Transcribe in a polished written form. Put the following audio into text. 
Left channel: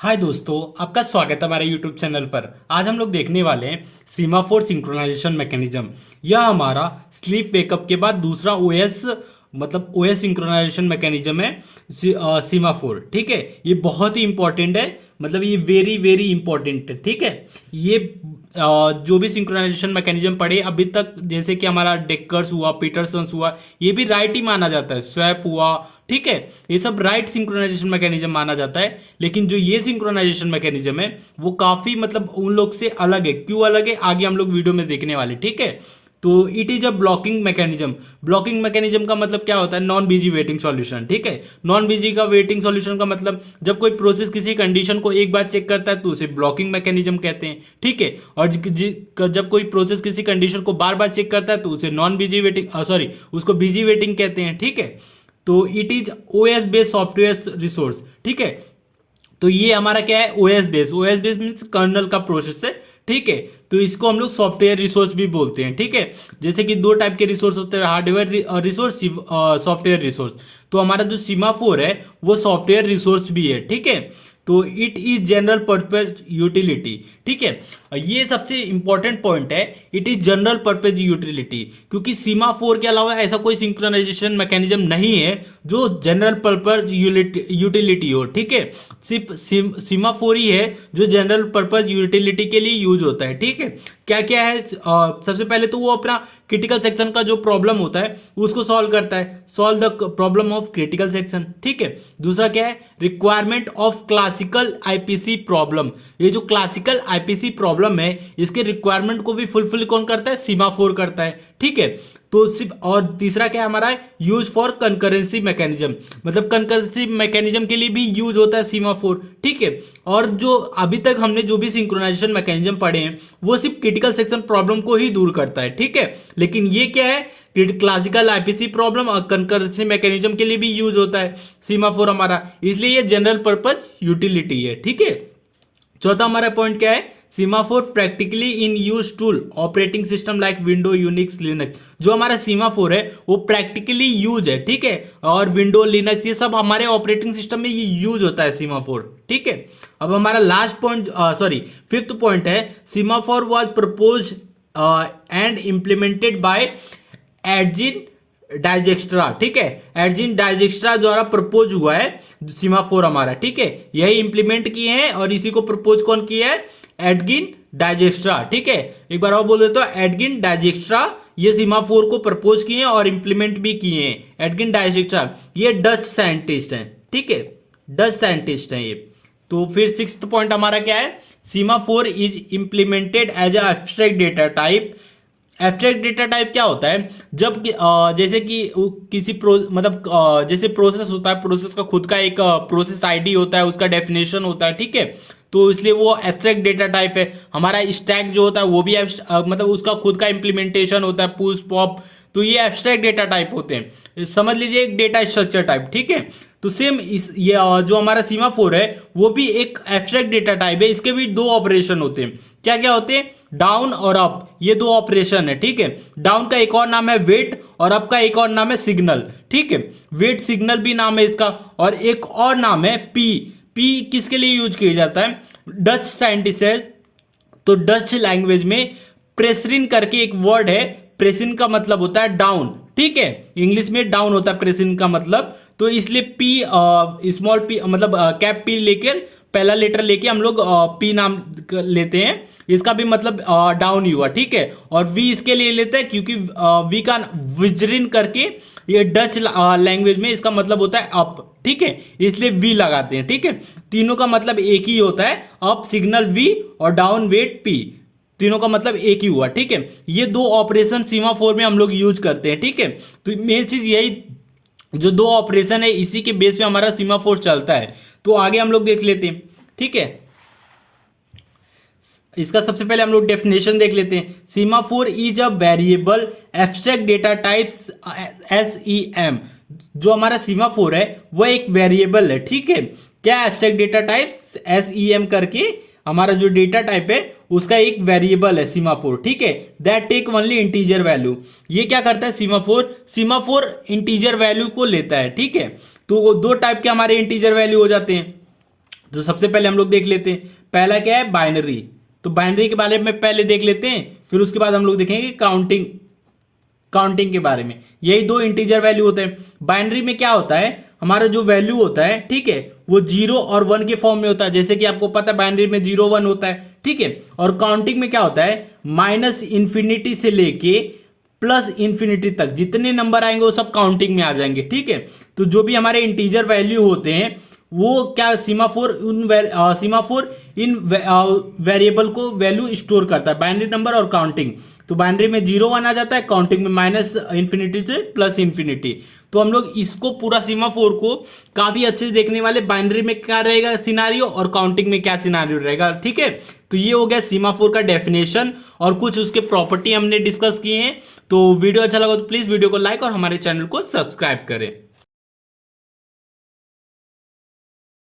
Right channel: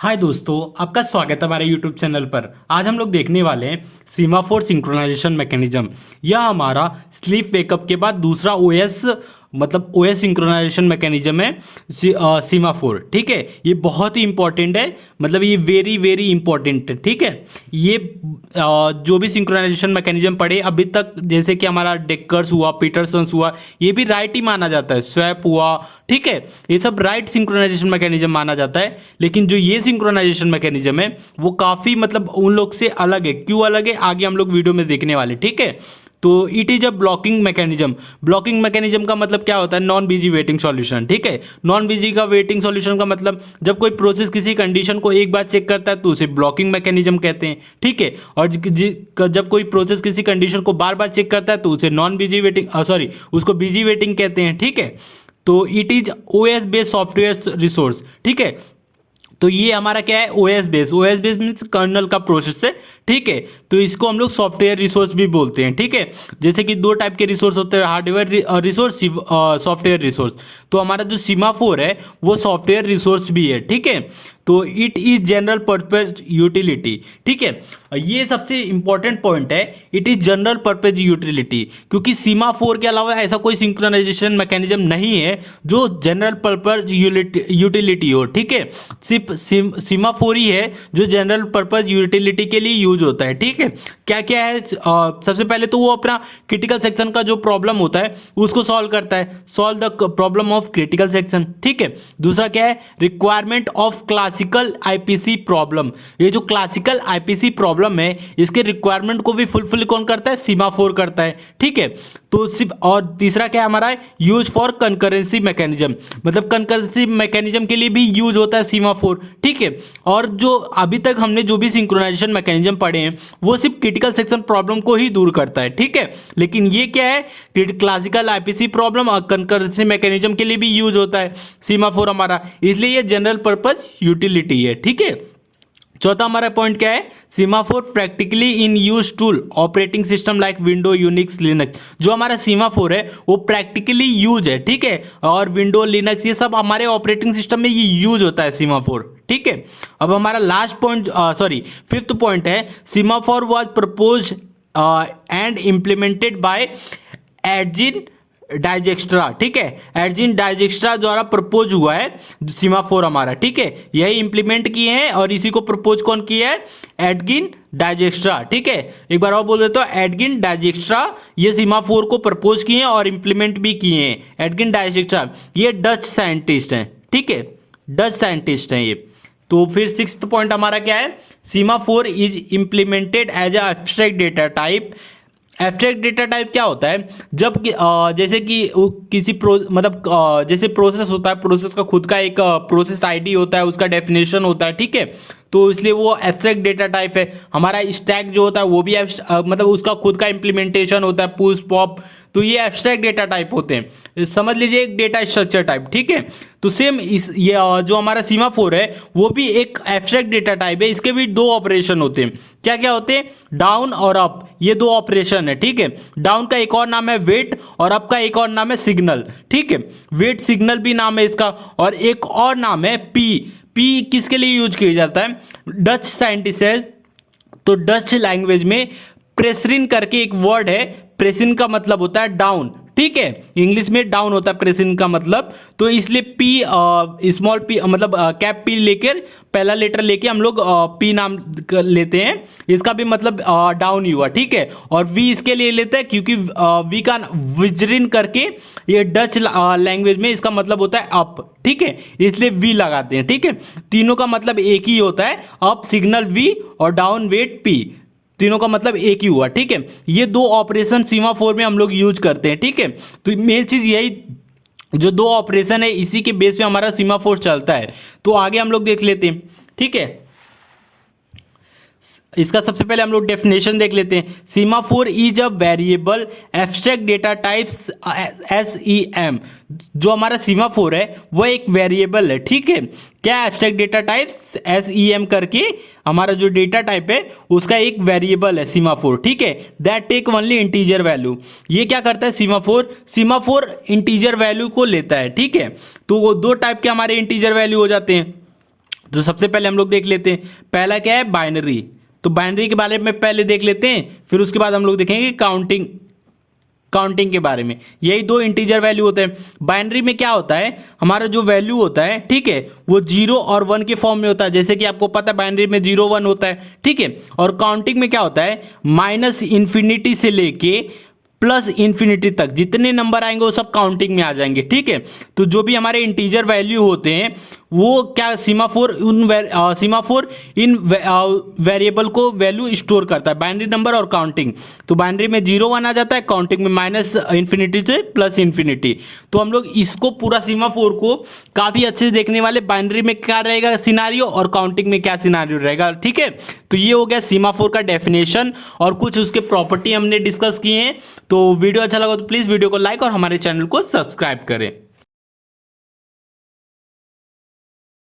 हाय दोस्तों, आपका स्वागत है हमारे यूट्यूब चैनल पर। आज हम लोग देखने वाले हैं सीमाफोर सिंक्रोनाइजेशन मैकेनिज्म। यह हमारा स्लीप वेकअप के बाद दूसरा ओएस ओएस सिंक्रोनाइजेशन मैकेनिज्म है। सीमाफोर, ठीक है। ये बहुत ही इंपॉर्टेंट है, मतलब ये वेरी वेरी इंपॉर्टेंट है, ठीक है। ये जो भी सिंक्रोनाइजेशन मैकेनिज्म पढ़े अभी तक, जैसे कि हमारा डेकर्स हुआ, पीटरसन्स हुआ, ये भी राइट ही माना जाता है। स्वैप हुआ, ठीक है, ये सब राइट सिंक्रोनाइजेशन मैकेनिज्म माना जाता है। लेकिन जो ये सिंक्रोनाइजेशन मैकेनिज्म है वो काफी उन लोग से अलग है। क्यों अलग है, आगे हम लोग वीडियो में देखने वाले, ठीक है। तो it is a blocking mechanism. Blocking mechanism का मतलब क्या होता है? नॉन बिजी वेटिंग सॉल्यूशन, ठीक है। नॉन बिजी का वेटिंग सॉल्यूशन का मतलब जब कोई प्रोसेस किसी कंडीशन को एक बार चेक करता है तो उसे ब्लॉकिंग मैकेनिज्म कहते हैं, ठीक है। और जब कोई प्रोसेस किसी कंडीशन को बार बार चेक करता है तो उसे नॉन बिजी वेटिंग उसको बिजी वेटिंग कहते हैं, ठीक है। तो it is OS based software resource, ठीक है। तो ये हमारा क्या है? ओएस बेस मीन्स कर्नल का प्रोसेस है, ठीक है। तो इसको हम लोग सॉफ्टवेयर रिसोर्स भी बोलते हैं, ठीक है। जैसे कि दो टाइप के रिसोर्स होते हैं, हार्डवेयर रिसोर्स, सॉफ्टवेयर रिसोर्स। तो हमारा जो सीमाफोर है वो सॉफ्टवेयर रिसोर्स भी है, ठीक है। तो it is general purpose utility, ठीक है। ये सबसे इंपॉर्टेंट पॉइंट है, it is general purpose utility, क्योंकि सीमाफोर के अलावा ऐसा कोई सिंक्रोनाइजेशन मैकेनिज्म नहीं है जो जनरल पर्पज यूटिलिटी हो, ठीक है। सिर्फ सीमाफोर ही है जो जनरल पर्पज यूटिलिटी के लिए यूज होता है, ठीक है। क्या क्या है? सबसे पहले तो वो अपना क्रिटिकल सेक्शन का जो प्रॉब्लम होता है उसको सॉल्व करता है, solve the problem of critical section, ठीक है। दूसरा क्या है? Requirement of classical IPC problem. ये जो क्लासिकल आईपीसी प्रॉब्लम है इसके रिक्वायरमेंट को भी फुलफिल कौन करता है? सीमाफोर करता है, ठीक है। तो सिर्फ, और तीसरा क्या हमारा है? यूज फॉर कंकरेंसी मैकेनिज्म, मतलब कंकरेंसी मैकेनिज्म के लिए भी यूज होता है सीमाफोर, ठीक है। और जो अभी तक हमने जो भी सिंक्रोनाइजेशन मैकेनिज्म पढ़े हैं वो सिर्फ क्रिटिकल सेक्शन प्रॉब्लम को ही दूर करता है, ठीक है। लेकिन ये क्या है? क्लासिकल आईपीसी प्रॉब्लम और कंकरेंसी मैकेनिज्म के लिए भी यूज होता है सीमाफोर हमारा, इसलिए ये जनरल पर्पज यूटिलिटी है, ठीक है। चौथा हमारा पॉइंट क्या है? Semaphore practically in use tool operating system like window, Unix, Linux. जो हमारा सीमाफोर है वो प्रैक्टिकली यूज है, ठीक है। और विंडो, लिनक्स, ये सब हमारे ऑपरेटिंग सिस्टम में ये यूज होता है सीमाफोर, ठीक है। अब हमारा लास्ट पॉइंट, फिफ्थ पॉइंट है, semaphore was propose and implemented by Edsger Dijkstra, ठीक है। एडजिन डाइजेक्स्ट्रा द्वारा प्रपोज हुआ है सीमाफोर हमारा, ठीक है। यही इंप्लीमेंट किए हैं और इसी को प्रपोज कौन किया है? एडगिन डाइजेक्स्ट्रा, ठीक है। एक बार और बोल देता हूं, एडगिन डाइजेक्स्ट्रा ये सीमाफोर को प्रपोज किए हैं और इंप्लीमेंट भी किए हैं। एडगिन डाइजेक्स्ट्रा ये डच साइंटिस्ट हैं, ठीक है, डच साइंटिस्ट हैं ये। तो फिर सिक्स्थ पॉइंट हमारा क्या है? Semaphore is implemented as a abstract data type. Abstract data type क्या होता है? जब जैसे कि किसी जैसे प्रोसेस होता है, प्रोसेस का खुद का एक प्रोसेस आईडी होता है, उसका डेफिनेशन होता है, ठीक है। तो इसलिए वो एब्स्ट्रैक्ट डेटा टाइप है। हमारा स्टैक जो होता है वो भी उसका खुद का इंप्लीमेंटेशन होता है, पुश पॉप। तो ये एब्स्ट्रैक्ट डेटा टाइप होते हैं, समझ लीजिए एक डेटा स्ट्रक्चर टाइप, ठीक है। तो सेम ये जो हमारा सीमाफोर है वो भी एक एब्स्ट्रैक्ट डेटा टाइप है। इसके भी दो ऑपरेशन होते हैं। क्या क्या होते हैं? डाउन और अप, ये दो ऑपरेशन है, ठीक है। डाउन का एक और नाम है वेट और अप का एक और नाम है सिग्नल, ठीक है। वेट सिग्नल भी नाम है इसका, और एक और नाम है पी। पी किसके लिए यूज किया जाता है? डच साइंटिस्ट है, तो डच लैंग्वेज में प्रेसरिन करके एक वर्ड है। प्रेसिन का मतलब होता है डाउन, ठीक है। इंग्लिश में डाउन होता है प्रेसिन का मतलब। तो इसलिए P, small P, cap P लेकर पहला लेटर लेके हम लोग पी नाम लेते हैं। इसका भी मतलब डाउन ही हुआ, ठीक है। और वी इसके लिए लेते हैं क्योंकि वी का विजरिन करके ये डच लैंग्वेज में इसका मतलब होता है अप, ठीक है। इसलिए वी लगाते हैं, ठीक है। तीनों का मतलब एक ही होता है, अप सिग्नल वी और डाउन वेट पी, तीनों का मतलब एक ही हुआ, ठीक है। ये दो ऑपरेशन सीमाफोर में हम लोग यूज करते हैं, ठीक है। तो मेन चीज यही, जो दो ऑपरेशन है इसी के बेस पे हमारा सीमाफोर चलता है। तो आगे हम लोग देख लेते हैं, ठीक है। इसका सबसे पहले हम लोग डेफिनेशन देख लेते हैं। Semaphore is a variable abstract data types, SEM। जो हमारा सीमाफोर है वो एक वेरिएबल है, ठीक है। क्या? एब्स्ट्रैक्ट डेटा टाइप्स SEM करके हमारा जो डेटा टाइप है उसका एक वेरिएबल है सीमाफोर, ठीक है। That take only integer value. ये क्या करता है सीमाफोर इंटीजर वैल्यू को लेता है, ठीक है। तो वो दो टाइप के हमारे इंटीजर वैल्यू हो जाते हैं। तो सबसे पहले हम लोग देख लेते हैं, पहला क्या है, बाइनरी। तो बाइनरी के बारे में पहले देख लेते हैं, फिर उसके बाद हम लोग देखेंगे काउंटिंग के बारे में। यही दो इंटीजर वैल्यू होते हैं। बाइनरी में क्या होता है, हमारा जो वैल्यू होता है, ठीक है, वो 0 और 1 के फॉर्म में होता है, जैसे कि आपको पता है बाइनरी में 0 1 होता है, ठीक है। और काउंटिंग में क्या होता है, -इन्फिनिटी से लेके +इन्फिनिटी तक जितने नंबर आएंगे वो सब काउंटिंग में आ जाएंगे, ठीक है। तो जो भी हमारे इंटीजर वैल्यू होते हैं वो क्या, सीमाफोर इन वेरिएबल को वैल्यू स्टोर करता है, बाइनरी नंबर और काउंटिंग। तो बाइनरी में 0 1 आ जाता है, काउंटिंग में -इन्फिनिटी से +इन्फिनिटी। तो हम लोग इसको पूरा सीमाफोर को काफी अच्छे से देखने वाले, बाइनरी में क्या रहेगा सिनारियो और काउंटिंग में क्या सिनारियो रहेगा, ठीक है। तो ये हो गया सीमाफोर का डेफिनेशन और कुछ उसके प्रॉपर्टी हमने डिस्कस किए हैं। तो वीडियो अच्छा लगा तो प्लीज वीडियो को लाइक और हमारे चैनल को सब्सक्राइब करें।